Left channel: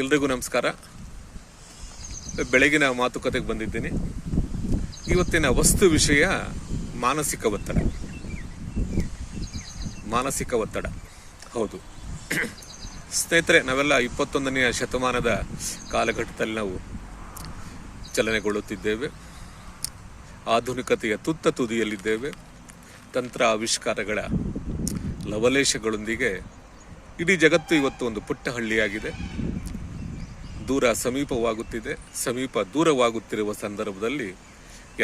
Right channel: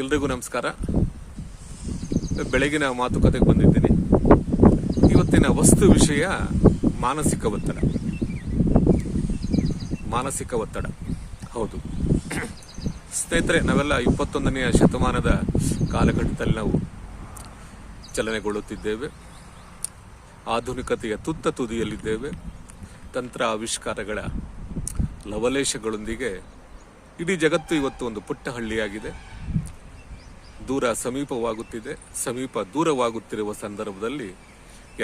ಎಲ್ರಿಗೂ ನಮಸ್ಕಾರ. ಬೆಳಗಿನ ಮಾತುಕತೆಗೆ ಬಂದಿದ್ದೀನಿ. ಇವತ್ತಿನ ವಸ್ತು ವಿಷಯ ಮಾನಸಿಕ ಒತ್ತಡ. ಮಾನಸಿಕ ಒತ್ತಡ ಹೌದು ಸ್ನೇಹಿತರೆ, ನಾವೆಲ್ಲ 21ನೇ ಶತಮಾನದ ಕಾಲಘಟ್ಟದಲ್ಲಿ ನಾವು ಚಲನೆಗೊಳ್ಳುತ್ತಿದ್ದೇವೆ. ಆಧುನಿಕತೆಯ ತುತ್ತ ತುದಿಯಲ್ಲಿದ್ದೇವೆ. ತಂತ್ರ ಆವಿಷ್ಕಾರಗಳ ಲವಲೇಶಗಳೊಂದಿಗೆ ಇಡೀ ಜಗತ್ತು ಇವತ್ತು ಒಂದು ಪುಟ್ಟ ಹಳ್ಳಿಯಾಗಿದೆ. ದೂರ ಸಮೀಪವಾಗುತ್ತಿದೆ, ಸಮೀಪ ದೂರವಾಗುತ್ತಿರುವ ಸಂದರ್ಭದಲ್ಲಿ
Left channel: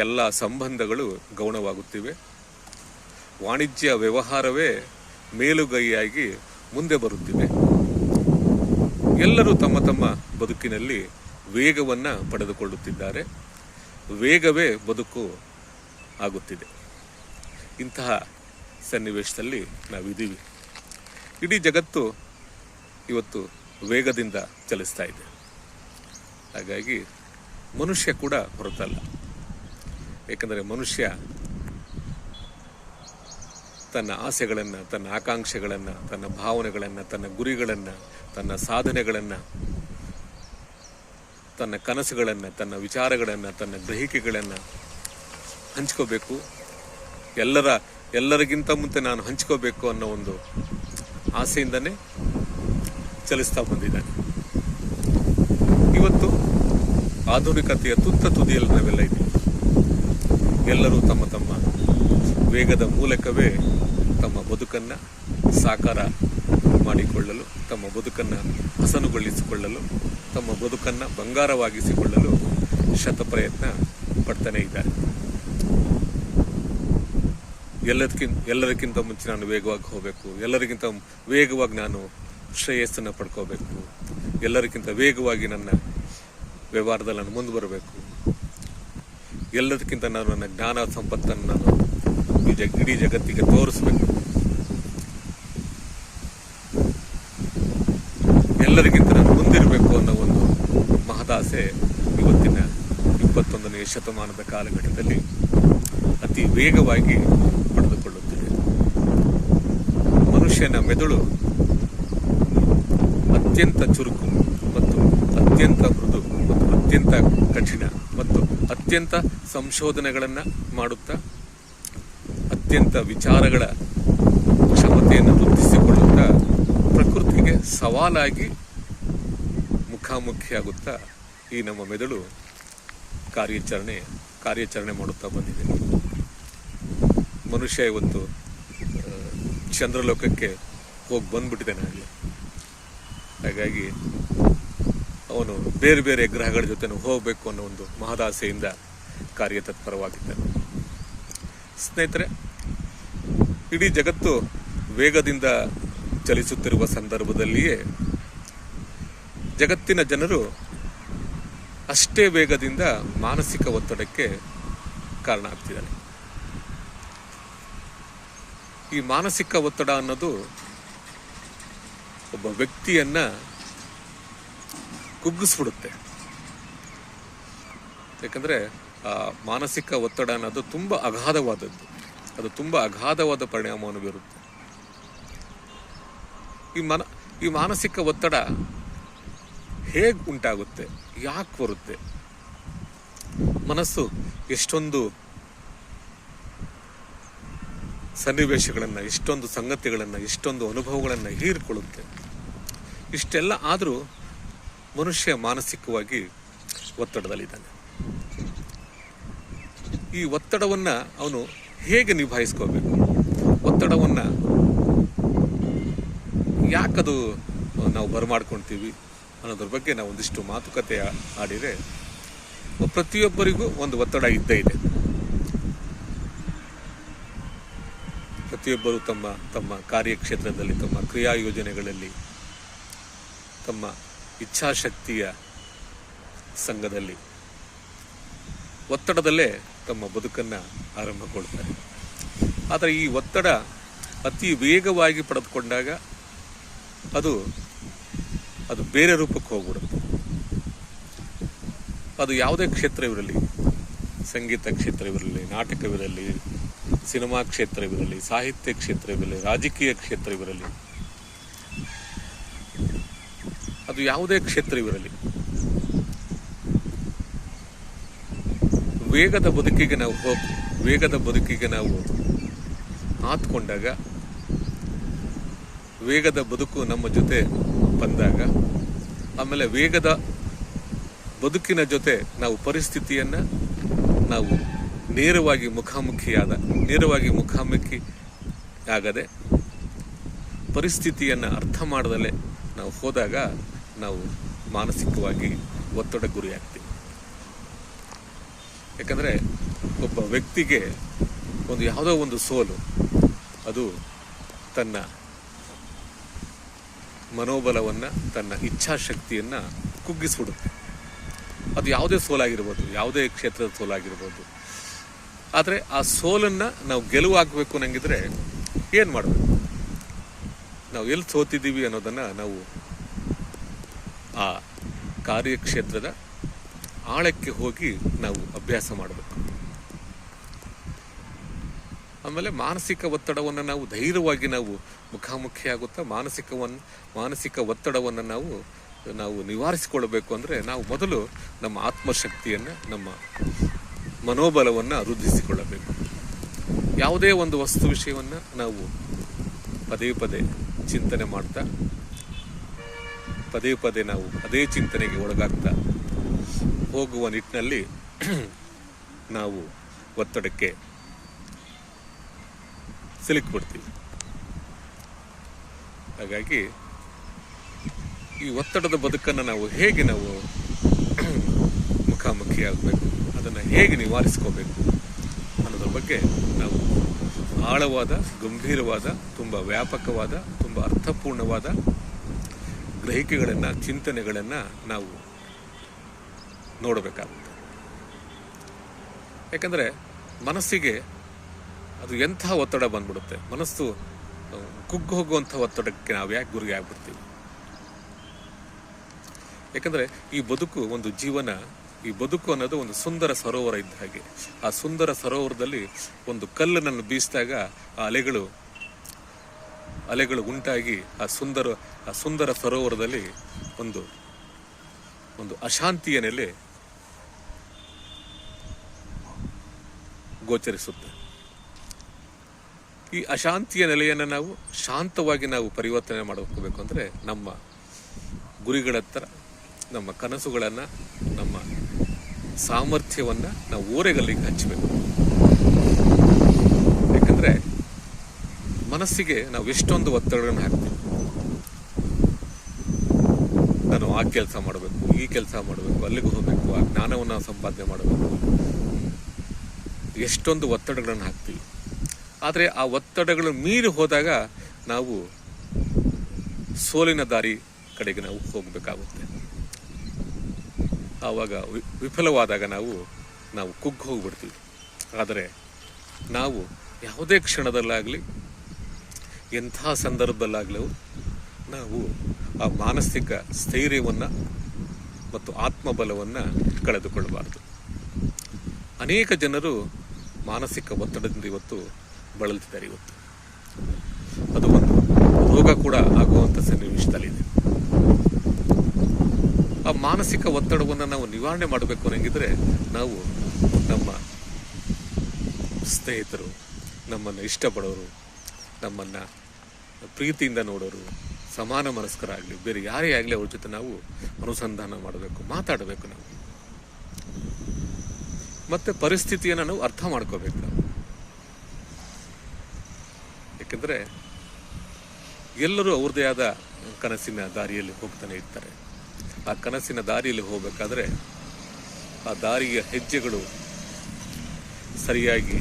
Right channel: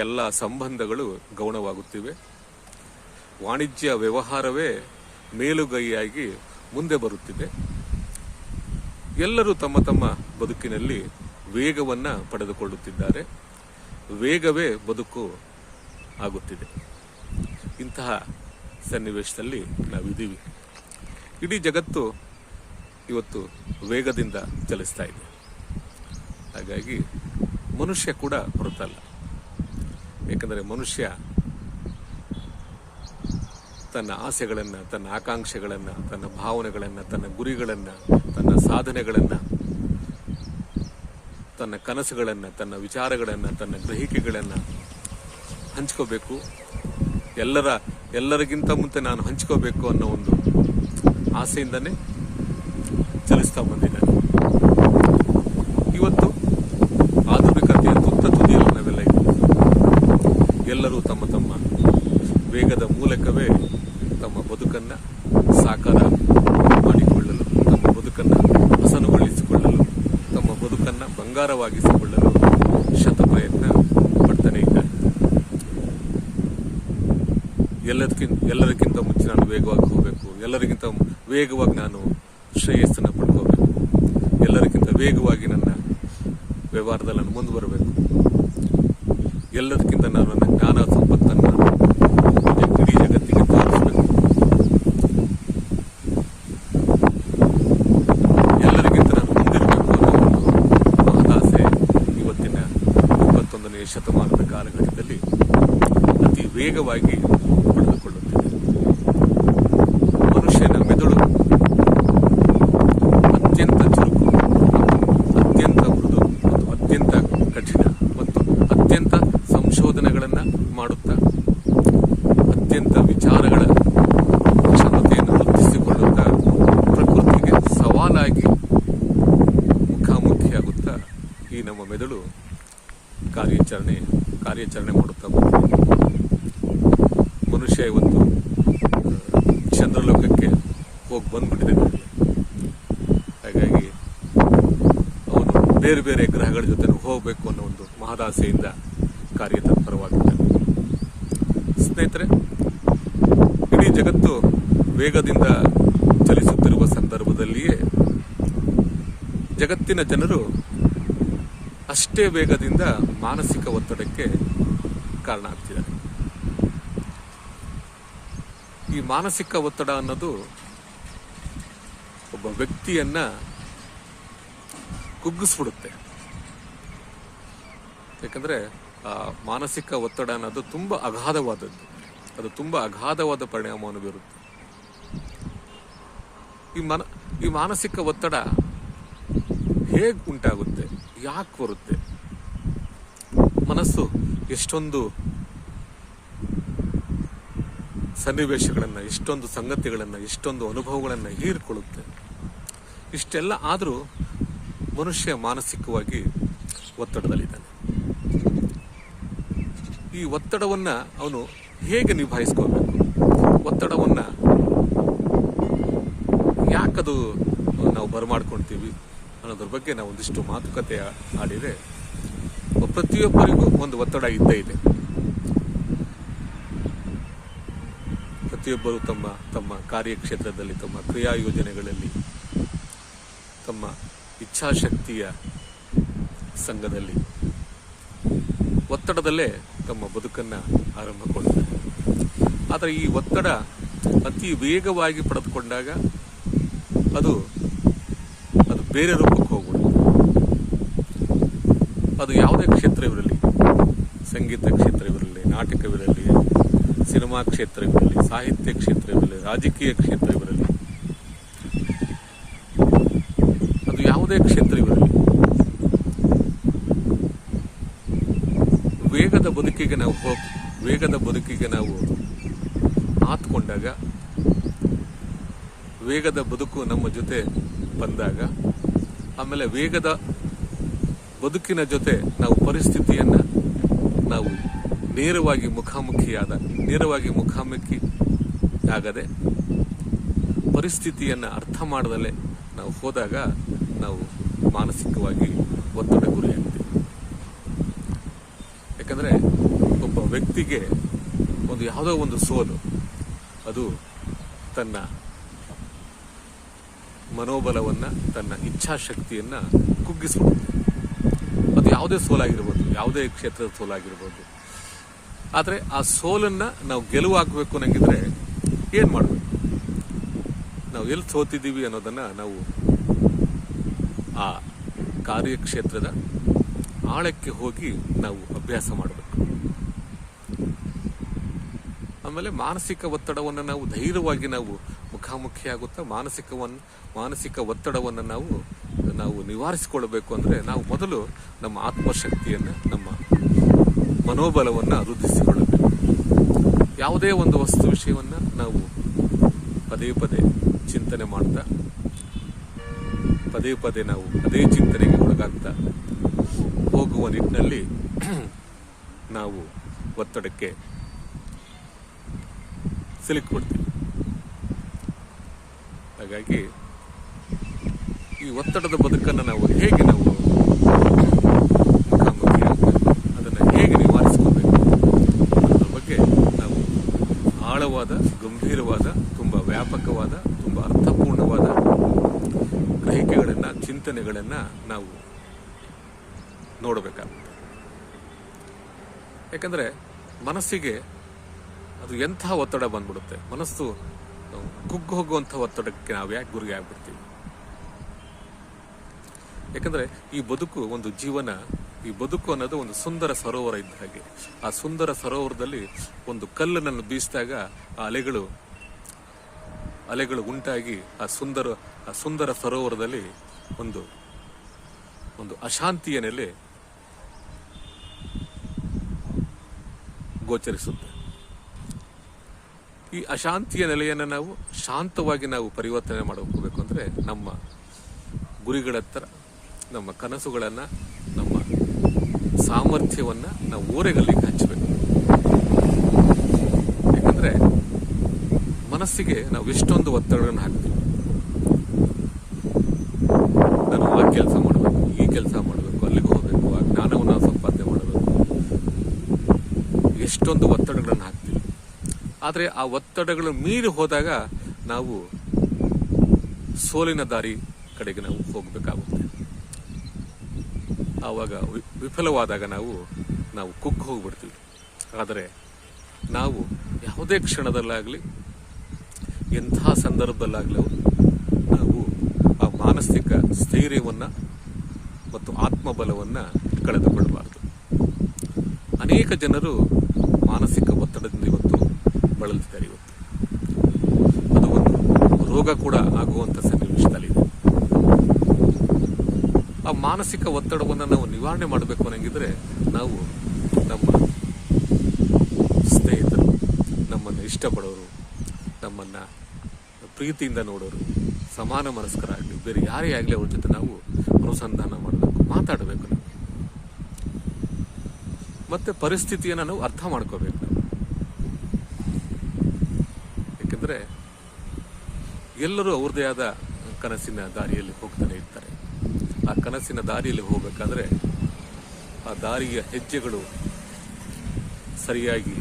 ಎಲ್ಲ ಸಂಬಂಧಗಳು ಗೌಣವಾಗುತ್ತಿವೆ. ವಾಣಿಜ್ಯ ವ್ಯವಹಾರವೇ ಮೇಲುಗೈಯಾಗಿ ಮುಂದೆ ಬರುತ್ತಿದೆ. ಎಲ್ಲರೂ ತಮ್ಮ ತಮ್ಮ ಬದುಕಿನಲ್ಲಿ ವೇಗವನ್ನು ಪಡೆದುಕೊಳ್ಳುತ್ತಿದ್ದಾರೆ. ವೇಗವೇ ಬದುಕು ಆಗುತ್ತಿದೆ. ಇಂತಹ ಸನ್ನಿವೇಶದಲ್ಲಿ ನಾವಿದ್ದೀವಿ. ಇಡೀ ಜಗತ್ತು ಇವತ್ತು ವೇಗದಿಂದ ಚಲಿಸ್ತಾ ಇದೆ. ಹಾಗಾಗಿ ಮನುಷ್ಯ ಕೂಡ ಹೊರತಲ್ಲ. ಏಕೆಂದರೆ ಮನುಷ್ಯ ತನ್ನ ಆಸೆಗಳನ್ನು, ತನ್ನ ಆಕಾಂಕ್ಷೆಗಳನ್ನು, ತನ್ನ ಭಾವನೆಗಳನ್ನು, ತನ್ನ ಗುರಿಗಳನ್ನು, ತನ್ನ ಸಾಧನೆಗಳನ್ನು, ತನ್ನ ಕನಸುಗಳನ್ನು, ತನ್ನ ವಿಚಾರಗಳನ್ನು, ತನ್ನ ಗ್ರಹಿಕೆಗಳನ್ನು ಹಂಚ್ಕೋಬೇಕು. ಎಲ್ಲರಿಗಿಂತ ಮುಂಚೆ ನಾನು ಹಂಚ್ಕೋಬೇಕು ಅನ್ನೋ ಒಂದು ಆಸೆಯಿಂದನೇ ಚಲಿಸ್ತಾ ಬಂದಿದ್ದಾನೆ. ಇವತ್ತು ಆಧುನಿಕತೆಯ ತುತ್ತ ತುದಿಯಲ್ಲಿ ನಾವೆಲ್ಲ ಇದ್ದೀವಿ. ಎಲ್ಲರೂ ತಮ್ಮ ತಮ್ಮ ವೇಗದ ಮೂಲಕವೇ ತಮ್ಮ ಬದುಕನ್ನು ಸಾಕಾರ ಮಾಡಿಕೊಳ್ಳಲು, ತಮ್ಮ ಬದುಕನ್ನು ಹಸನುಗೊಳಿಸಿಕೊಳ್ಳಲು, ತಮ್ಮ ಬದುಕನ್ನು ಬಂಗಾರವಾಗಿಸಿಕೊಳ್ಳಲು ಶತಪ್ರಯತ್ನ ಪಡ್ತಾನೆ ಇದ್ದಾರೆ. ಎಲ್ಲರಿಗಿಂತ ಮುಂಚೆ ನಾನು ವೇಗವಾಗಿ ಹೋಗಬೇಕು, ಎಲ್ಲರಿಗಿಂತ ವೇಗವಾಗಿ ನಾನು ಶ್ರೇಯಸ್ಸನ್ನು ಪಡ್ಕೋಬೇಕು, ಎಲ್ಲರಿಗಿಂತ ವೇಗವಾಗಿ ನನ್ನ ವ್ಯವಹಾರದಲ್ಲಿ ನಾನು ಮುಂದೆ ಬರಬೇಕು, ಎಲ್ಲದಕ್ಕಿಂತ ನಾನು ನನ್ನ ಜ್ಞಾನ ಸಂಪತ್ತನ್ನು ಇಡೀ ಜಗತ್ತಿಗೆ ತೋರಿಸಬೇಕು, ಎಲ್ಲರಿಗಿಂತ ನಾನು ಮುಂದಿರಬೇಕು ಅನ್ನೋ ಒಂದು ಮಹದಾಸೆ ಇವತ್ತಿನ 21ನೇ ಶತಮಾನದ ಕಾಲಘಟ್ಟದಲ್ಲಿ ಅತಿ ವೇಗವಾಗಿ ಪಡೆದುಕೊಳ್ಳುತ್ತಿದೆ. ಮನುಷ್ಯನ ಮೆದುಳು ಅತ್ಯಂತ ಚುರುಕು ಮತ್ತು ಅತ್ಯಂತ ಮೃದು ಮತ್ತು ಅತ್ಯಂತ ಕಠಿಣ ಮತ್ತು ಅತ್ಯಂತ ಸಂಶೋಧನೆಗಳನ್ನು ಮಾಡುತ್ತಾ ಅತ್ಯಂತ ವಿಚಾರಗಳ ಕ್ಷಮತೆಯನ್ನು ವೃದ್ಧಿಸಿಕೊಳ್ಳುತ್ತಾ ಪ್ರಕೃತಿಗೆ ಸವಾಲಾಗಿ ಮುಖಾಮುಖಿಯಾಗುತ್ತಾ ಈ ನಮ್ಮ ಮೆದುಳು ಕಾರ್ಯಾಚರಣೆ ಮಾಡುತ್ತಾ ಬಂದಿದೆ. ಮನುಷ್ಯ ಇವತ್ತು ಚಂದ್ರಲೋಕಕ್ಕೆ ಹೋಗಿ ಬಂದ್ಬಿಟ್ಟಿದೆ. ಹಾಗಾಗಿ ಅವನು ಬೇರೆ ಬೇರೆ ಗ್ರಹಗಳ ಜೊತೆ ಹೋಗಬೇಕು ಅನ್ನೋ ಒಂದು ಮಹದಾಸೆಯಿಂದ ಕಾರ್ಯತತ್ಪರವಾಗಿದ್ದಾನೆ. ಸ್ನೇಹಿತರೆ, ಇಡೀ ಜಗತ್ತು ವೇಗದಿಂದ ಚಲಿಸುತ್ತಿರುವ ಸಂದರ್ಭದಲ್ಲಿಯೇ ಜಗತ್ತಿನ ಜನರು ಅಷ್ಟೇ ವೇಗದಿಂದ ಮಾನಸಿಕ ಒತ್ತಡಕ್ಕೆ ಕಾರಣ ಆಗ್ತಿದ್ದಾರೆ. ಈ ಮಾನಸಿಕ ಒತ್ತಡ ಅನ್ನೋದು ಒಬ್ಬ ವ್ಯಕ್ತಿಯನ್ನ ಕುಗ್ಗಿಸ್ಬಿಡುತ್ತೆ. ಯಾಕಂದ್ರೆ ಆ ಮಾನಸಿಕ ಒತ್ತಡ ಅನ್ನೋದು ತುಂಬಾ ಅಗಾಧವಾದದ್ದು. ಅದು ತುಂಬಾ ಅಗಾಧವಾದ ಪರಿಣಾಮವನ್ನು ಬೀರುತ್ತೆ. ಈ ಮಾನಸಿಕ ಒತ್ತಡ ಹೇಗೆ ಉಂಟಾಗುತ್ತೆ, ಯಾಕೆ ಬರುತ್ತೆ? ಮನಸ್ಸು ಎಷ್ಟೊಂದು ಸನ್ನಿವೇಶಗಳನ್ನು, ಎಷ್ಟೊಂದು ಸಂಗತಿಗಳನ್ನು, ಎಷ್ಟೊಂದು ಅನುಭವಗಳನ್ನು ಹೀರಿಕೊಳ್ಳುತ್ತೆ. ಇಷ್ಟೆಲ್ಲ ಆದರೂ ಮನುಷ್ಯ ಮಾನಸಿಕವಾಗಿ ಒತ್ತಡದಲ್ಲಿದ್ದಾನೆ. ಈ ಒತ್ತಡವನ್ನು ಅವನು ಹೇಗೆ ನಿಭಾಯಿಸ್ಕೋಬೇಕು, ಒತ್ತಡವನ್ನು ಯಾಕದು ನಾವು ಬರಮಾಡ್ಕೊಳ್ತೀವಿ ಅನ್ನೋದ್ರ ಬಗ್ಗೆ ನಾವು ಒಂದಿಷ್ಟು ಮಾತುಕತೆ ಆಡಿದರೆ, ಪ್ರತಿಯೊಬ್ಬರಿಗೂ ಒಂದು ಒತ್ತಡ ಇದ್ದೇ ಇದೆ. ಪ್ರತಿಯೊಬ್ಬರು ತಮ್ಮ ತಮ್ಮ ಕಾರ್ಯಕ್ಷೇತ್ರದಲ್ಲಿ, ತಮ್ಮ ಕ್ರಿಯಾ ಯೋಜನೆಗಳಲ್ಲಿ, ತಮ್ಮ ಇಚ್ಛಾಶಕ್ತಿಯ ಸಂಘದಲ್ಲಿ ಒತ್ತಡದಲ್ಲೇ ತಮ್ಮ ಬದುಕನ್ನು ಆರಂಭ ಕೊಡ್ತಾರೆ. ಆದರೆ ಈ ಒತ್ತಡ ಅತಿ ವೇಗವಾಗಿ ಪಡೆದುಕೊಂಡಾಗ ಅದು ಬೇರೆ ರೂಪಕ್ಕೆ ಹೋಗ್ಬಿಡುತ್ತೆ. ಅದು ಯಾವುದೇ ಕ್ಷೇತ್ರವಿರಲಿ, ಸಂಗೀತ ಕ್ಷೇತ್ರವಿರಲಿ, ನಾಟಕವಿರಲಿ, ಸಿನಿಮಾ ಕ್ಷೇತ್ರವಿರಲಿ, ಸಾಹಿತ್ಯ ಕ್ಷೇತ್ರವಿರಲಿ, ರಾಜಕೀಯ ಕ್ಷೇತ್ರವಿರಲಿ, ಅದು ಅದು ಯಾವುದೇ ಕ್ಷೇತ್ರವಿರಲಿ, ವೇಗದ ಬದುಕಿಗೆ ನಾವು ಆತ್ಕೊಂಡಾಗ, ವೇಗದ ಬದುಕು ನಮ್ಮ ಜೊತೆ ಬಂದಾಗ, ಆಮೇಲೆ ವೇಗದ ಬದುಕಿನ ಜೊತೆ ನಾವು ಪರಿಸ್ಥಿತಿಯನ್ನ ನಾವು ನೇರವಾಗಿ ಮುಖಾಮುಖಿ ಆಗದೆ ಪರಿಸ್ಥಿತಿಯನ್ನ ಅರ್ಥ ಮಾಡದಲ್ಲೇ ನಾವು ಹೋದಾಗ ನಾವು ಮಾನಸಿಕವಾಗಿ ಒತ್ತಡ ಗುರಿಯಾಗ್ತೀವಿ. ಯಾಕಂದ್ರೆ ಒಬ್ಬ ವ್ಯಕ್ತಿಗೆ ಯಾವುದೋ ಒಂದು ಸೋಲು ಅದು ತನ್ನ ಮನೋಬಲವನ್ನ, ತನ್ನ ಇಚ್ಛಾಶಕ್ತಿಯನ್ನ ಕುಗ್ಗಿಸ್ಬಿಡುತ್ತೆ. ಅದು ಯಾವುದೇ ಸೋಲಾಗಿರ್ಬೋದು, ಯಾವುದೇ ಕ್ಷೇತ್ರದ ಸೋಲಾಗಿರ್ಬೋದು. ಆದರೆ ಆ ಸೋಲನ್ನ ನಾವು ಗೆಲುವು ಹಾಕಬೇಕು ಅನ್ನಂಗಿದ್ರೆ ಏನ್ ಮಾಡಬೇಕು? ನಾವು ಎಲ್ಲಿ ಸೋತಿದ್ದೀವಿ ಅನ್ನೋದನ್ನ ನಾವು ಆ ಕಾರ್ಯಕ್ಷೇತ್ರದ ಆಳಕ್ಕೆ ಹೋಗಿ ನಾವು ಅಭ್ಯಾಸ ಮಾಡಬೇಕು. ಆಮೇಲೆ ಮಾನಸಿಕ ಒತ್ತಡವನ್ನು ನಾವು ಧೈರ್ಯವಾಗಿ ನಾವು ಮುಖಾಮುಖಿಯಾಗುತ್ತಾ ಮಾನಸಿಕ ಒತ್ತಡವನ್ನು ನಾವು ನಿವಾರಿಸಿಕೊಳ್ಬೇಕು. ಅಂದ್ರೆ ನಾವು ಮೊದಲು ನಮ್ಮ ಆತ್ಮಶಕ್ತಿಯನ್ನ, ನಮ್ಮ ಮನೋಬಲವನ್ನ ವೃದ್ಧಿಸಿಕೊಳ್ಳಬೇಕು. ಯಾವುದೇ ಒಂದು ವಸ್ತು ವಿಷಯವನ್ನ ನಾವು ಪದೇ ಪದೇ ಚಿಂತನೆ ಮಾಡ್ತಾ, ಪದೇ ಪದೇ ನಾವು ಅದೇ ಚಿಂತನೆಗೆ ಒಳಗಾಗ್ತಾ ಹೋಗುವ ನಿಟ್ಟಿನಲ್ಲಿ ನಾವು ಒತ್ತಡಕ್ಕೆ ಸಿಲುಕಿಬಿಡ್ತೀವಿ. ಹಾಗಾಗಿ ಈ ಒತ್ತಡದ ಬದುಕನ್ನು ನಾವು ಹೇಗೆ ಮುಖಾಮುಖಿ ಆಗಬೇಕು, ಅದನ್ನು ಹೇಗೆ ನಿವಾರಿಸ್ಕೋಬೇಕು ಅನ್ನೋದ್ರ ಬಗ್ಗೆ ನಾವು ಆಳವಾದ, ಗಂಭೀರವಾದ, ತುಂಬಾ ವ್ಯಾಪಕವಾದ, ತುಂಬಾ ಅರ್ಥಪೂರ್ಣವಾದ ಗ್ರಹಿಕೆಗಳನ್ನ, ಚಿಂತನೆಗಳನ್ನ ನಾವು ನೋಡಬೇಕಾಗುತ್ತೆ. ಯಾಕಂದ್ರೆ ಮನಸ್ಸಿಗೆ ಅದು ಎಂಥ ಒತ್ತಡ ಬಂದ್ಬಿಡುತ್ತೆ. ಮನಸ್ಸು ಕುಗ್ಗು ಹೋಗುವಂಥ ಒತ್ತಡಕ್ಕೆ ನಾವು ಯಾಕೆ ಗುರಿ ಆಗ್ಬಿಡ್ತೀವಿ? ಯಾಕಂದ್ರೆ ಈ ಬದುಕು ಒಂದು ಜೀವನ, ಈ ಬದುಕು ಅನ್ನೋದು ಒಂದು ಸುಂದರ ಸರೋವರ ಇದ್ದ ಹಾಗೆ. ಆ ಸುಂದರ ಸರೋವರದಲ್ಲಿ ಒಂದು ಕಲ್ಲನ್ನು ಬೀಸಿದಾಗ ಆ ಅಲೆಗಳು ಉಂಟಾಗಿ ಆ ಸುಂದರ ಸರೋವರದಲ್ಲಿ ಒಂದು ಅಶಾಂತಿಯ ನೆಲೆ ಗೋಚರಿಸುತ್ತೆ. ಈ ಅಶಾಂತಿಯ ನೆಲೆಯನ್ನು ನಾವು ಶಾಂತವಾಗಿ ನಾವು ಪರಿವರ್ತನೆ ಮಾಡ್ಕೋಬೇಕು. ಅಂದ್ರೆ ನಮ್ಮ ಗುರಿಗಳತ್ತ, ನಮ್ಮ ಕನಸುಗಳನ್ನ, ನಮ್ಮ ಸಾಮರ್ಥ್ಯವನ್ನ ನಾವು ಓರೆಗಲ್ಲಿಗೆ ಹಚ್ಚಬೇಕು. ಯಾಕಂದ್ರೆ ಮನಸ್ಸಿಗೆ ನಾವು ಎಷ್ಟೊಂದು ಒತ್ತಡಗಳನ್ನು ಹಾಕ್ತೀವಿ. ನಾನು ಆ ಕೆಲಸ ಮಾಡಬೇಕು, ಈ ಕೆಲಸ ಮಾಡಬೇಕು, ಅಲ್ಲಿಗೆ ಹೋಗ್ಬೇಕು, ಆ ಜ್ಞಾನವನ್ನು ಸಂಪಾದನೆ ಮಾಡಬೇಕು, ಎಷ್ಟೊಂದು ಒತ್ತಡಗಳನ್ನು ಹಾಕ್ತೀವಿ. ಆದರೆ ಆ ಒತ್ತಡಗಳು ಮೀರಿ ಹೋದಾಗ ನಾವು ಸೋಲಿನ ದಾರಿ ಕಡೆಗೆ ನಾವು ಹೋಗಬೇಕಾಗುತ್ತೆ. ಆವಾಗ ವಿಫಲವಾದಾಗ ನಾವು ಕುಗ್ಗಿ ಹೋಗ್ಬಿಡ್ತೀವಿ. ಆದರೆ ನಾವು ಯಾವುದೇ ಕ್ಷಣದಲ್ಲಾಗಲಿ, ಎಂಥ ಸಂದರ್ಭದಲ್ಲಾಗಲಿ ನಾವು ಆ ಮಾನಸಿಕ ಸ್ಥೈರ್ಯವನ್ನ ಮತ್ತು ಆತ್ಮಬಲವನ್ನ ಕಳೆದುಕೊಳ್ಳಬಾರದು. ಅನೇಕ ಜನರು ಮಾನಸಿಕ ಒತ್ತಡದಿಂದ ಇವತ್ತು ಬಳಲ್ತಿದ್ದಾರೆ. ಇವತ್ತು ಅದು ಒಂದು ರೋಗ ಕೂಡ ಆಗುವಂತ ಸನ್ನಿವೇಶದಲ್ಲಿದೆ. ಆ ಮಾನಸಿಕ ಒತ್ತಡವನ್ನು ನಾವು ನಿವಾರಣೆ ಮಾಡಬೇಕು ಅನ್ನಂಗಿದ್ರೆ ನಾವು ನಮ್ಮ ಸ್ನೇಹಿತರು, ನಮ್ಮನ್ನು ಇಷ್ಟಪಡೋರು, ನಮ್ಮನ್ನ ಪ್ರೀತಿಯಿಂದ ನೋಡೋರು, ಸಮಾನ ಮನಸ್ಕರಾಗಲಿ, ಬೇರೆ ಯಾರೇ ಆಗಲಿ ಅವ್ರ ಜೊತೆ ನಾವು ಅನುಸಂಧಾನ ಮಾಡಬೇಕು, ಮಾತಾಡಬೇಕು. ನಾವು ಮತ್ತೆ ಪರಿಸ್ಥಿತಿಯನ್ನು ನಾವು ಅರ್ಥ ಮಾಡ್ಕೋಬೇಕು. ನಾವು ಯಾಕೆಂದ್ರೆ ಎಲ್ಲರೂ ಅವ್ರದೇ ಆದ ಕನಸಿನ ದಾರಿಯಲ್ಲಿ ಹೋಗ್ತಾನೆ ಇರ್ತಾರೆ. ಆ ಕನಸಿನ ದಾರಿಯಲ್ಲಿ ಹೋಗ್ಬೇಕಾದ್ರೆ ಆ ದಾರಿಯ ಹೆಜ್ಜೆಗಳು ಸರಿಯಾಗಿ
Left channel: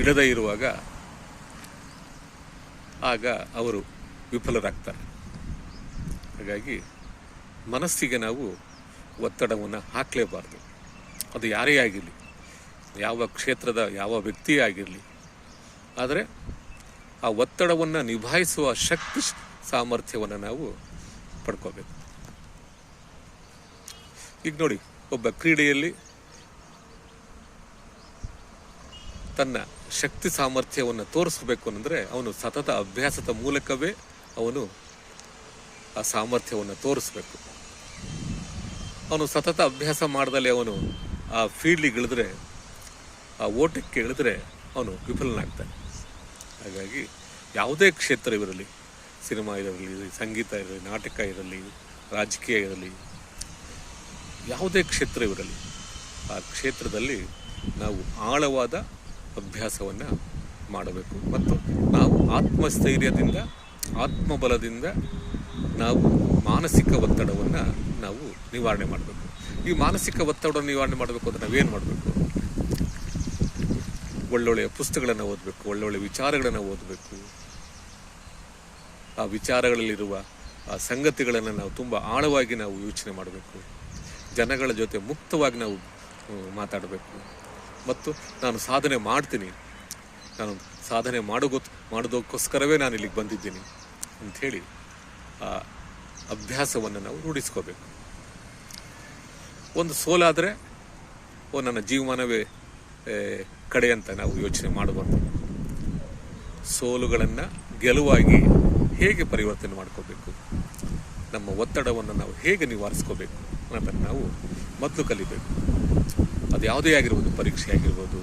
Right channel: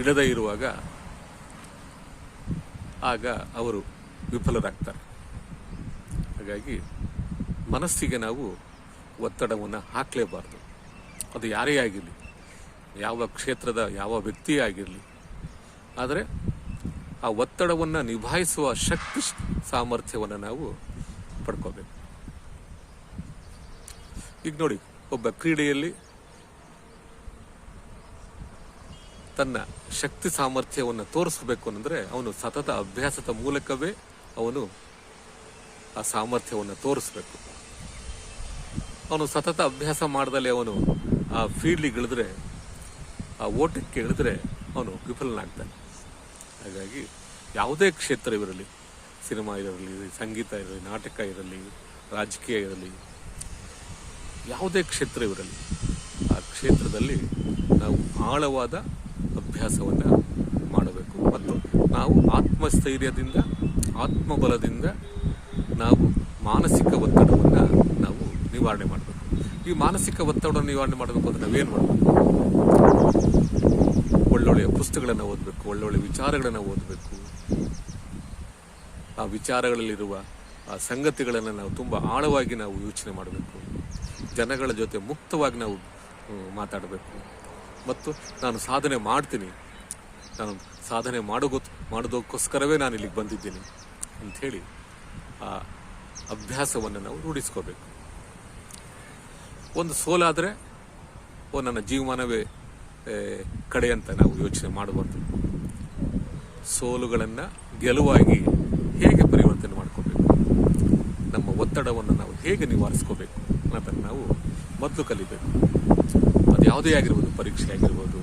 ಇಡದೇ ಇರುವಾಗ ಆಗ ಅವರು ವಿಫಲರಾಗ್ತಾರೆ. ಹಾಗಾಗಿ ಮನಸ್ಸಿಗೆ ನಾವು ಒತ್ತಡವನ್ನು ಹಾಕಲೇಬಾರ್ದು. ಅದು ಯಾರೇ ಆಗಿರಲಿ, ಯಾವ ಕ್ಷೇತ್ರದ ಯಾವ ವ್ಯಕ್ತಿಯೇ ಆಗಿರಲಿ. ಆದರೆ ಆ ಒತ್ತಡವನ್ನು ನಿಭಾಯಿಸುವ ಶಕ್ತಿ ಸಾಮರ್ಥ್ಯವನ್ನು ನಾವು ಪಡ್ಕೋಬೇಕು. ಈಗ ನೋಡಿ, ಒಬ್ಬ ಕ್ರೀಡೆಯಲ್ಲಿ ತನ್ನ ಶಕ್ತಿ ಸಾಮರ್ಥ್ಯವನ್ನು ತೋರಿಸಬೇಕು ಅಂದರೆ ಅವನು ಸತತ ಅಭ್ಯಾಸದ ಮೂಲಕವೇ ಅವನು ಆ ಸಾಮರ್ಥ್ಯವನ್ನು ತೋರಿಸ್ಬೇಕು. ಅವನು ಸತತ ಅಭ್ಯಾಸ ಮಾಡ್ದಲೇ ಅವನು ಆ ಫೀಲ್ಡಿಗೆ ಇಳಿದ್ರೆ, ಆ ಓಟಕ್ಕೆ ಇಳಿದ್ರೆ ಅವನು ವಿಫಲನಾಗ್ತಾನೆ. ಹಾಗಾಗಿ ಯಾವುದೇ ಕ್ಷೇತ್ರವಿರಲಿ, ಸಿನಿಮಾ ಇರಲಿ, ಸಂಗೀತ ಇರಲಿ, ನಾಟಕ ಇರಲಿ, ರಾಜಕೀಯ ಇರಲಿ, ಯಾವುದೇ ಕ್ಷೇತ್ರವಿರಲಿ, ಆ ಕ್ಷೇತ್ರದಲ್ಲಿ ನಾವು ಆಳವಾದ ಅಭ್ಯಾಸವನ್ನು ಮಾಡಬೇಕು ಮತ್ತು ನಾವು ಆತ್ಮಸ್ಥೈರ್ಯದಿಂದ, ಆತ್ಮಬಲದಿಂದ ನಾವು ಮಾನಸಿಕ ಒತ್ತಡವನ್ನು ನಾವು ನಿವಾರಣೆ ಮಾಡಬೇಕು. ಈ ಮಾನಸಿಕ ಒತ್ತಡವನ್ನು ನಿವಾರಣೆ ಮಾಡಬೇಕು ಅಂದರೆ ನಾವೇನು ಮಾಡಬೇಕು? ಒಳ್ಳೊಳ್ಳೆಯ ಪುಸ್ತಕಗಳನ್ನು ಓದಬೇಕು, ಒಳ್ಳೊಳ್ಳೆ ವಿಚಾರಗಳನ್ನು ಓದಬೇಕು. ಆ ವಿಚಾರಗಳಲ್ಲಿರುವ ಆ ಸಂಗತಿಗಳನ್ನು ನಾವು ತುಂಬ ಆಳವಾಗಿ ನಾವು ಯೋಚನೆ ಮಾಡಬೇಕು. ಜನಗಳ ಜೊತೆ ಮುಕ್ತವಾಗಿ ನಾವು ಮಾತಾಡಬೇಕು. ಮತ್ತು ನಾನು ಸಾಧನೆ ಮಾಡ್ತೀನಿ, ನಾನು ಸಾಧನೆ ಮಾಡೋದಕ್ಕೋಸ್ಕರವೇ ನಾನು ಇಲ್ಲಿಗೆ ಬಂದಿದ್ದೀನಿ ಅಂಥೇಳಿ ಆ ಅಭ್ಯಾಸವನ್ನು ನಾವು ರೂಢಿಸ್ಕೋಬೇಕು. ಒಂದು ಸೋಲಾದರೆ ನನ್ನ ಜೀವಮಾನವೇ ಕಡೆ ಅಂತ ನಾವು ಯೋಚನೆ ಮಾಡಬಾರ್ದು. ಸೋಲುಗಳನ್ನು ಗೆಲುವಾಗಿ ಹೇಗೆ ಪರಿವರ್ತನೆ ಮಾಡ್ಕೋಬೇಕು, ನಮ್ಮ ಒತ್ತಡವನ್ನು ನಾವು ಹೇಗೆ ನಿವಾರಿಸ್ಕೋಬೇಕು ಅನ್ನೋದನ್ನು ನಾವು ಮೊದಲು ಕಲಿಬೇಕು. ಅದು ಯಾವುದೇ ಆಗಿರ್ಬೋದು, ಪರೀಕ್ಷೆ ಆಗಿರ್ಬೋದು,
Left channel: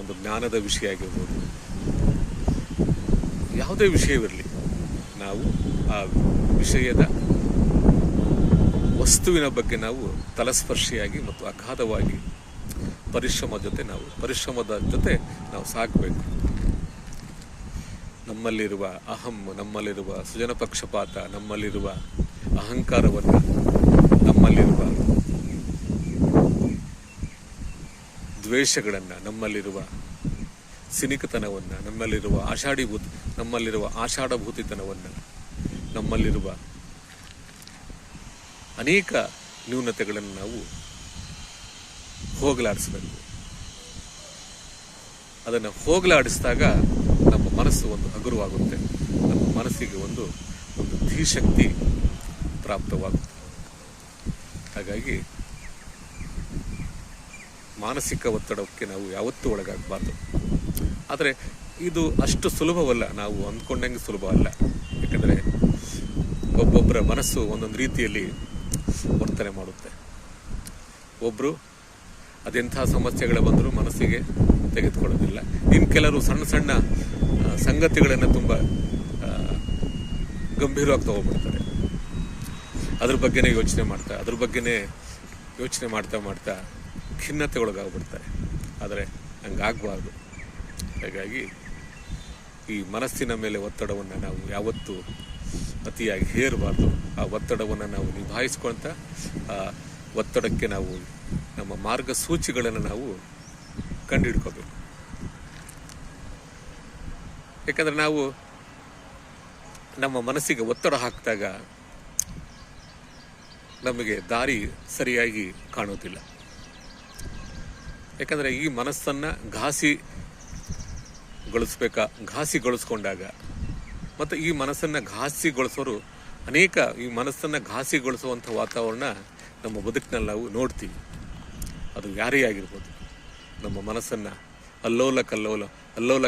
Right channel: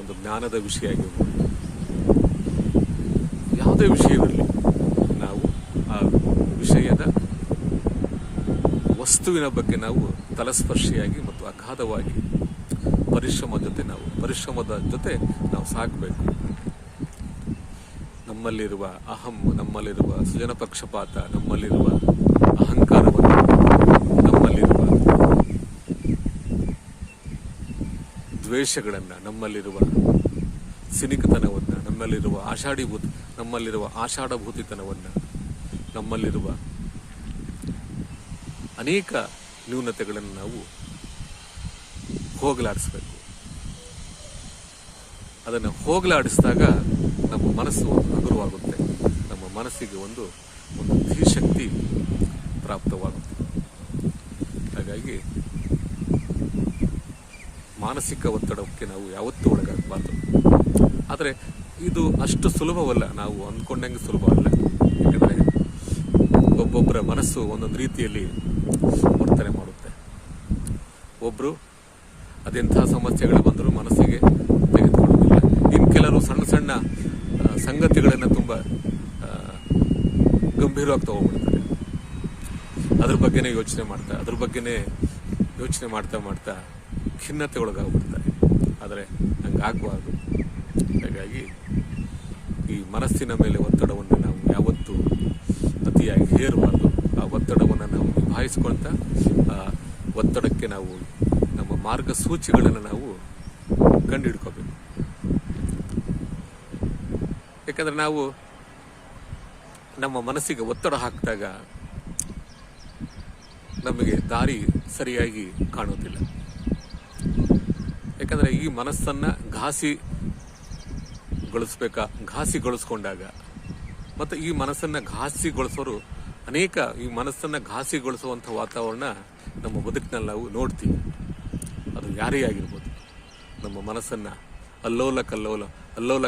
ಒಂದು ಜ್ಞಾನದ ವಿಷಯ ಆಗಿರ್ಬೋದು, ಯಾವುದೇ ವಿಷಯವಿರಲಿ, ನಾವು ಆ ವಿಷಯದ ವಸ್ತುವಿನ ಬಗ್ಗೆ ನಾವು ತಲಸ್ಪರ್ಶಿಯಾಗಿ ಮತ್ತು ಅಗಾಧವಾಗಿ ಪರಿಶ್ರಮದ ಜೊತೆ ನಾವು ಸಾಗಬೇಕು. ನಮ್ಮಲ್ಲಿರುವ ಅಹಂ, ನಮ್ಮಲ್ಲಿರುವ ಸುಜನ ಪಕ್ಷಪಾತ, ನಮ್ಮಲ್ಲಿರುವ ಅಹಂಕಾರವನ್ನು, ನಮ್ಮಲ್ಲಿರುವ ದ್ವೇಷಗಳನ್ನು, ನಮ್ಮಲ್ಲಿರುವ ಸಿನಿಕತನವನ್ನು, ನಮ್ಮಲ್ಲಿರುವ ಆಷಾಢಭೂತಿತನವನ್ನು, ನಮ್ಮಲ್ಲಿರುವ ಅನೇಕ ನ್ಯೂನತೆಗಳನ್ನು ನಾವು ಹೋಗಲಾಡಿಸಬೇಕು. ಅದನ್ನು ಹೋಗಲಾಡಿಸಿದಾಗ ನಮ್ಮ ಮನಸ್ಸು ಒಂದು ಹಗುರವಾಗುತ್ತೆ, ನಮ್ಮ ಮನಸ್ಸಿಗೆ ಒಂದು ಧೀಶಕ್ತಿ ಪ್ರಾಪ್ತವಾಗುತ್ತೆ. ಹಾಗಾಗಿ ಮಾನಸಿಕ ಒತ್ತಡಕ್ಕೆ ನಾವು ಯಾವತ್ತೂ ಒಳಗಾಗಬಾರ್ದು. ಆದರೆ ಇದು ಅಷ್ಟು ಸುಲಭವಲ್ಲ, ನಾವು ಅಂದ್ಕೊಂಡಂಗೆ ಸುಲಭ ಅಲ್ಲ. ಯಾಕಂದರೆ ಒಬ್ಬೊಬ್ಬರ ಮನಸ್ಸು ಒಂದೊಂದು ರೀತಿಯಲ್ಲಿ ವರ್ತನೆ ಮಾಡುತ್ತೆ. ಒಬ್ಬರು ಅದೆಂಥ ಸಮಸ್ಯೆಗಳು ಬಂದರೂ ಮನಸ್ಸಿಗೆ ತೆಗೆದುಕೊಳ್ಳೋದಿಲ್ಲ. ಇನ್ನು ಕೆಲವರು ಸಣ್ಣ ಸಣ್ಣ ಸಂಗತಿಗಳನ್ನು ತುಂಬ ಗಂಭೀರವಾಗಿ ತಗೊಂಡ್ಬಿಡ್ತಾರೆ. ಅದ್ರ ಬಗ್ಗೆನೇ ಯೋಚನೆ ಮಾಡ್ತಾ ಖಿನ್ನತೆ ಒಳಗಾಗ್ಬಿಡ್ತಾರೆ. ಆದರೆ ಹಂಗಾಗಬಾರ್ದು. ಹಾಗಾಗಿ ಈ ಮನಸ್ಸಿನ ಮೇಲೆ ಒತ್ತಡವನ್ನು ನಾವು ಯಾವತ್ತೂ ಅತಿಯಾಗಿ ಹೇರಬಾರ್ದು. ಆ ಒತ್ತಡವನ್ನು ನಾವು ನಿಭಾಯಿಸ್ಕೊಳ್ತಾ ಆ ಒತ್ತಡಕ್ಕೆ ನಾವು ನಮ್ಮ ಮಾರ್ಗಸೂಚಿಗಳನ್ನು ನಾವು ಕಂಡುಹಿಡ್ಕೋಬೇಕು. ಯಾಕಂದರೆ ನಾವು ನಮ್ಮ ಮನಸ್ಸಿಗೆ ಒತ್ತಡ ಹಾಕಿದಾಗ ನಮಗೆ ದಾರಿ ಸರಿಯಾಗಿ ಕಾಣೋದಿಲ್ಲ. ಯಾಕಂದರೆ ಈ ಮನಸ್ಸನ್ನು ಘಾಸಿಗೊಳಿಸ್ಕೊಂಡಾಗ ಮತ್ತು ಈ ಮನಸ್ಸನ್ನು ಘಾಸಿಗೊಳಿಸೋರು ಅನೇಕ ಈ ಮನಸ್ಸನ್ನು ಘಾಸಿಗೊಳಿಸುವಂಥ ವಾತಾವರಣ ನಮ್ಮ ಬದುಕಿನಲ್ಲಿ ನಾವು ನೋಡ್ತೀವಿ. ಅದು ಯಾರೇ ಆಗಿರ್ಬೋದು, ನಮ್ಮ ಮನಸ್ಸನ್ನು ಅಲ್ಲೋಲ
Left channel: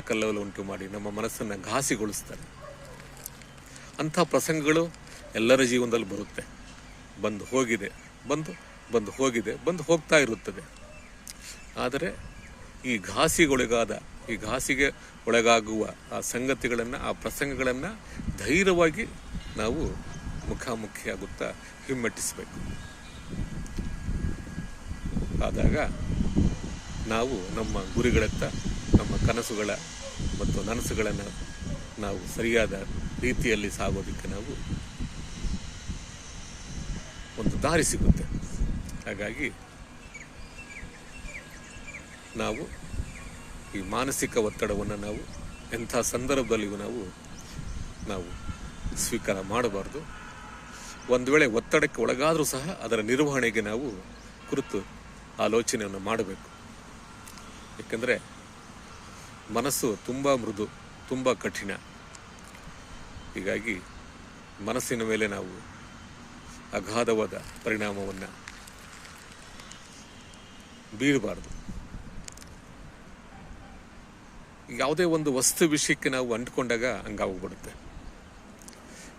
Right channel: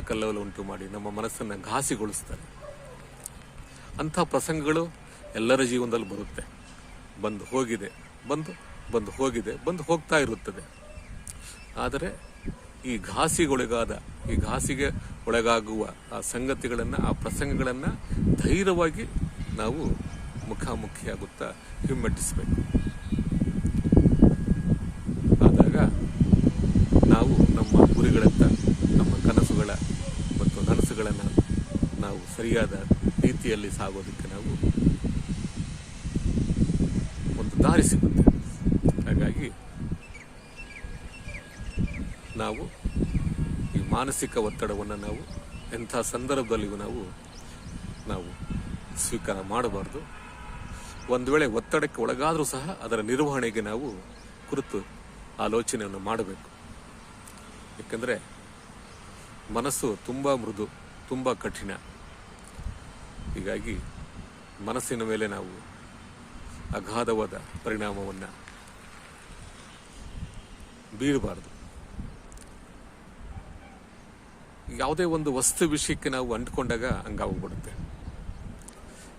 ಕಲ್ಲೋಲ ಉಂಟು ಮಾಡಿ ನಮ್ಮ ಮನಸ್ಸನ್ನು ಘಾಸಿಗೊಳಿಸ್ತಾರೆ. ಅಂಥ ಪ್ರಸಂಗಗಳು ಎಲ್ಲರ ಜೀವನದಲ್ಲಿ ಬರುತ್ತೆ. ಬಂದು ಹೋಗ್ತಾ ಇರುತ್ತದೆ. ಆದರೆ ಈ ಘಾಸಿಗೆ ಒಳಗಾಗುವ ಆ ಸಂಗತಿಗಳನ್ನು, ಆ ಪ್ರಸಂಗಗಳನ್ನು ಧೈರ್ಯವಾಗಿ ನಾವು ಮುಖಾಮುಖಿಯಾಗುತ್ತಾ ಹಿಮ್ಮೆಟ್ಟಿಸಬೇಕು. ಆದಾಗ ನಾವು ನಮ್ಮ ಗುರಿಗಳತ್ತ, ನಮ್ಮ ಕನಸುಗಳ ಮತ್ತು ನನಸುಗಳನ್ನು ನಾವು ಸರಿಯಾದ ರೀತಿಯಲ್ಲಿ ಸಾಗೋದಕ್ಕೆ ನಾವು ಒಂದು ದಾರಿ ಸಿಗುತ್ತೆ. ಹಾಗಾಗಿ ನಾವು ಈ ಮಾನಸಿಕ ಒತ್ತಡವನ್ನು ನಾವು ಎಂಥ ಸಂದರ್ಭದಲ್ಲಿಯೂ ನಾವು ಸ್ವೀಕಾರ ಮಾಡಬಾರ್ದು. ಒಂದು ವೇಳೆ ಒತ್ತಡಕ್ಕೆ ಒಳಗಾದರೂ ಸಹ ಅದರ ನಿರ್ವಹಣೆಗೆ ನಾವು ಕುರಿತು ಆಲೋಚನೆಯನ್ನು ಮಾಡಬೇಕು. ಏಕೆಂದರೆ ಮನಸ್ಸು ತುಂಬ ಮೃದು, ತುಂಬ ಕಠಿಣ. ಹೀಗಾಗಿ ಮನಸ್ಸಿನ ಮೇಲೆ ನಾವು ಅಗಾಧವಾದ ಪರಿಣಾಮವನ್ನು ಬೀರಬಾರ್ದು. ಯಾವುದೇ ಒಂದು ವಸ್ತು ವಿಷಯಕ್ಕೆ ನಾವು ಅಂಟ್ಕೊಂಡಾಗ ಹಂಗಾಗ್ಬಿಡುತ್ತೆ.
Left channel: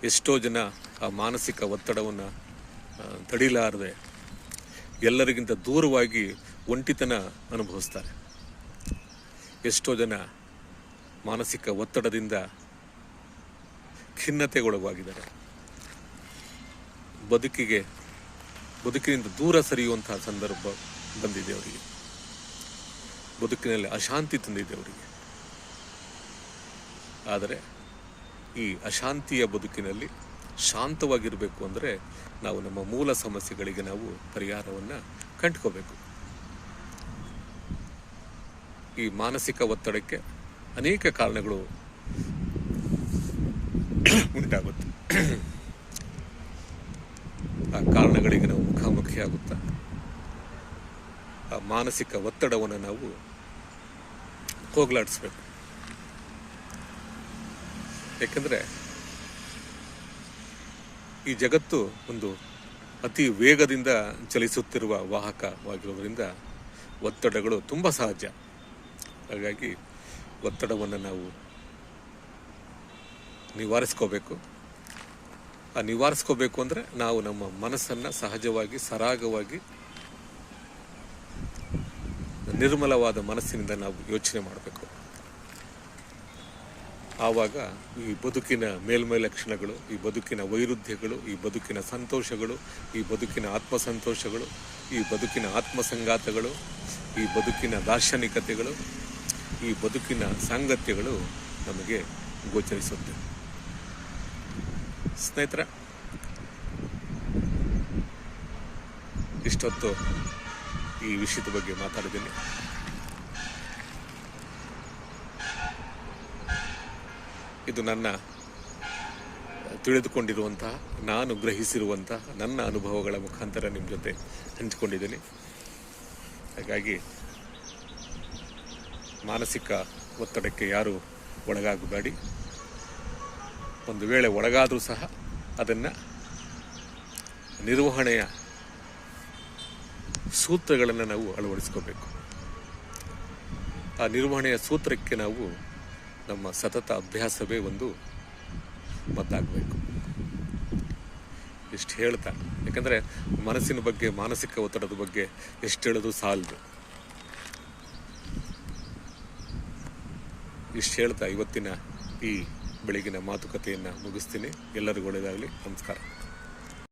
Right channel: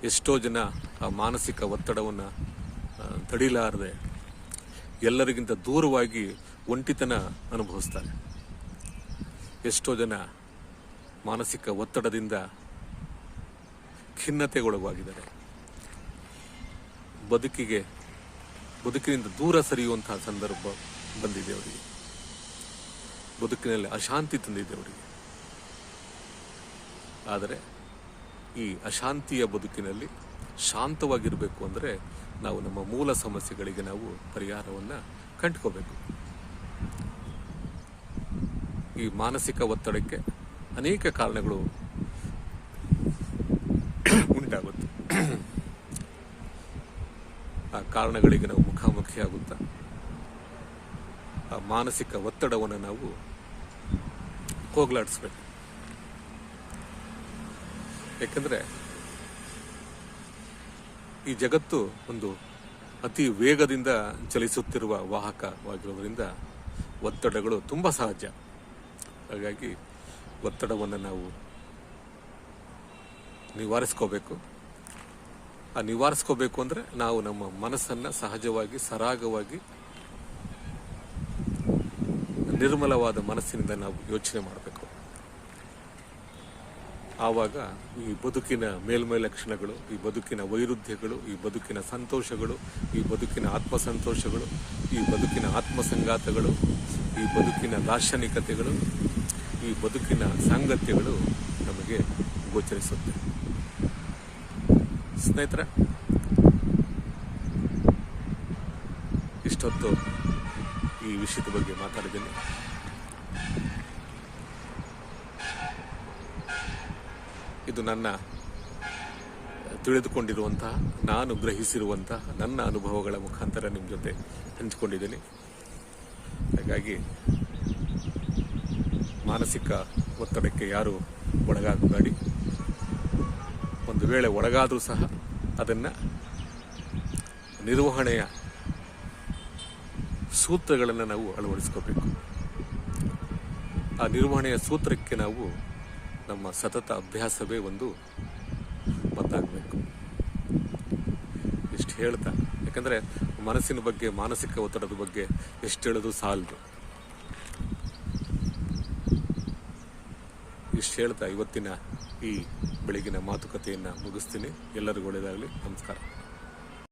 ಎಷ್ಟೋ ಜನ ಆ ಮಾನಸಿಕ ಒತ್ತಡವನ್ನು ತಡಿಲಾರದೆ ಎಲ್ಲರಿಗಿಂತ ದೂರವಾಗಿ ಒಂಟಿತನ ಅನುಭವಿಸ್ತಾರೆ. ಎಷ್ಟೋ ಜನ ಮಾನಸಿಕ ಒತ್ತಡದಿಂದ ಖಿನ್ನತೆಗೊಳಗಾಗಿದ್ದಾರೆ. ಬದುಕಿನಿಂದ ದೂರ ಸರಿಯುವಂತಹ ಸಂದರ್ಭ ಬಂದಿದೆ ಅವರಿಗೆ. ಬದುಕಿನಲ್ಲಿ ಅಶಾಂತಿ ತಂದಿದೆ ಅವರಿಗೆ. ಆದರೆ ಈ ಅಶಾಂತಿಯ ಬದುಕಿನಲ್ಲಿ ಶಾಂತವಾಗಿರಬೇಕು ಅಂದರೆ ನಾವು ನಮ್ಮ ಮೂಲ ಸಮಸ್ಯೆಗಳಿಗೆ ನಾವು ಪರಿಹಾರವನ್ನು ಕಂಡುಕೋಬೇಕು. ಈ ಮಾನಸಿಕ ಒತ್ತಡಕ್ಕೆ ಅನೇಕ ಕಾರಣಗಳು ಉಂಟಾಗುತ್ತೆ. ಆ ಕಾರಣಗಳಿಗೆ ನಾವು ಮುಖಾಮುಖಿಯಾಗುತ್ತಾ ಆ ಮಾನಸಿಕ ಒತ್ತಡವನ್ನು ನಾವು ಹೋಗಲಾಡಿಸ್ಬೇಕು. ಯಾಕಂದರೆ ಈ ಜಗತ್ತು ಒಂದು ಅತಿ ವೇಗದಿಂದ ಚಲಿಸುತ್ತಿರುವ ವಾಹಕವಾಗಿರೋದ್ರಿಂದ ಒತ್ತಡಗಳು ತುಂಬ ಸಹಜ. ಹಾಗಾಗಿ ಒತ್ತಡವನ್ನು ನಾವು ನಿವಾರಿಸ್ಕೋಬೇಕು. ಆ ನಿವಾರಿಸ್ಕೋಬೇಕು ಅಂದರೆ ನಾವು ನಮ್ಮ ಮನಸ್ಸನ್ನು ಸಹಜವಾಗಿ ಸರಾಗವಾಗಿ ನಿರ್ಮಲವಾದ ಮನಸ್ಸಿನಿಂದ ನಾವು ಯೋಚನೆ ಮಾಡಬೇಕು. ಆವಾಗ ಈ ಬದುಕಿನ ಮೇಲ್ಮೈ ಲಕ್ಷಣಗಳು, ಈ ಬದುಕಿನ ವೈರುಧ್ಯಗಳು, ಈ ಬದುಕಿನ ಸಂತೋಷಗಳು, ಈ ಬದುಕಿನ ಆತ್ಮಸಂತೋಷಗಳು, ಈ ಬದುಕಿನ ಆತ್ಮಸಂಗಾತಗಳು, ಈ ಬದುಕಿನ ದಾರ್ಶನಿಕತೆಗಳು, ಈ ಬದುಕಿನ ಸಾಂಗತ್ಯಗಳು ನಮಗೆ ಗೋಚರಿಸುತ್ತೆ. ಸ್ನೇಹಿತರೆ, ಇಷ್ಟೊತ್ತು ಈ ವಿಷಯದ ಬಗ್ಗೆ ಮಾತಾಡಿದ್ದೀನಿ. ಇದು ನನ್ನ ತಿಳಿದುಕೊಂಡಿರುವಂತಹ, ನಾನು ಗ್ರಹಿಸಿರುವಂತಹ ನನ್ನ ಅನುಭವಗಳ ಮುಖಾಂತರ ನಿಮ್ಮ ಜೊತೆ ಹಂಚಿಕೊಂಡಿದ್ದೀನಿ. ಹಾಗಾಗಿ ಮಾನಸಿಕ ಒತ್ತಡಕ್ಕೆ ಯಾರು ಒಳಗಾಗಬೇಡಿ. ಒಂದು ವೇಳೆ ಒಳಗಾದರೂ ಸಹ ಅದನ್ನು ನಿರ್ವಹಣೆಯ ಸೂತ್ರಗಳನ್ನು ನಾವು ಅಳವಡಿಸ್ಕೋಬೇಕು. ಆ ನಿರ್ವಹಣೆಯ ಸೂತ್ರಕ್ಕೆ ನಾವು ನಮ್ಮ ಸತತ ಅಭ್ಯಾಸವೇ ಒಂದು ಮದ್ದಾಗಬೇಕು. ಇಷ್ಟು ಹೇಳ್ತಾ, ಯಾಕಂದರೆ ಮನಸ್ಸಿನ ಬಗ್ಗೆ, ಮಾನಸಿಕ ಒತ್ತಡದ ಬಗ್ಗೆ ಎಷ್ಟು ಹೇಳೋದು ಸಾಲದು. ಇಷ್ಟು ಹೇಳ್ತಾ ಇವತ್ತಿನ ಈ ಬೆಳಗಿನ ಮಾತುಕತೆಯನ್ನು ಮುಗಿಸ್ತೀನಿ. ಎಲ್ಲರಿಗೂ ಒಳ್ಳೆಯದಾಗಲಿ. ನಮಸ್ಕಾರ.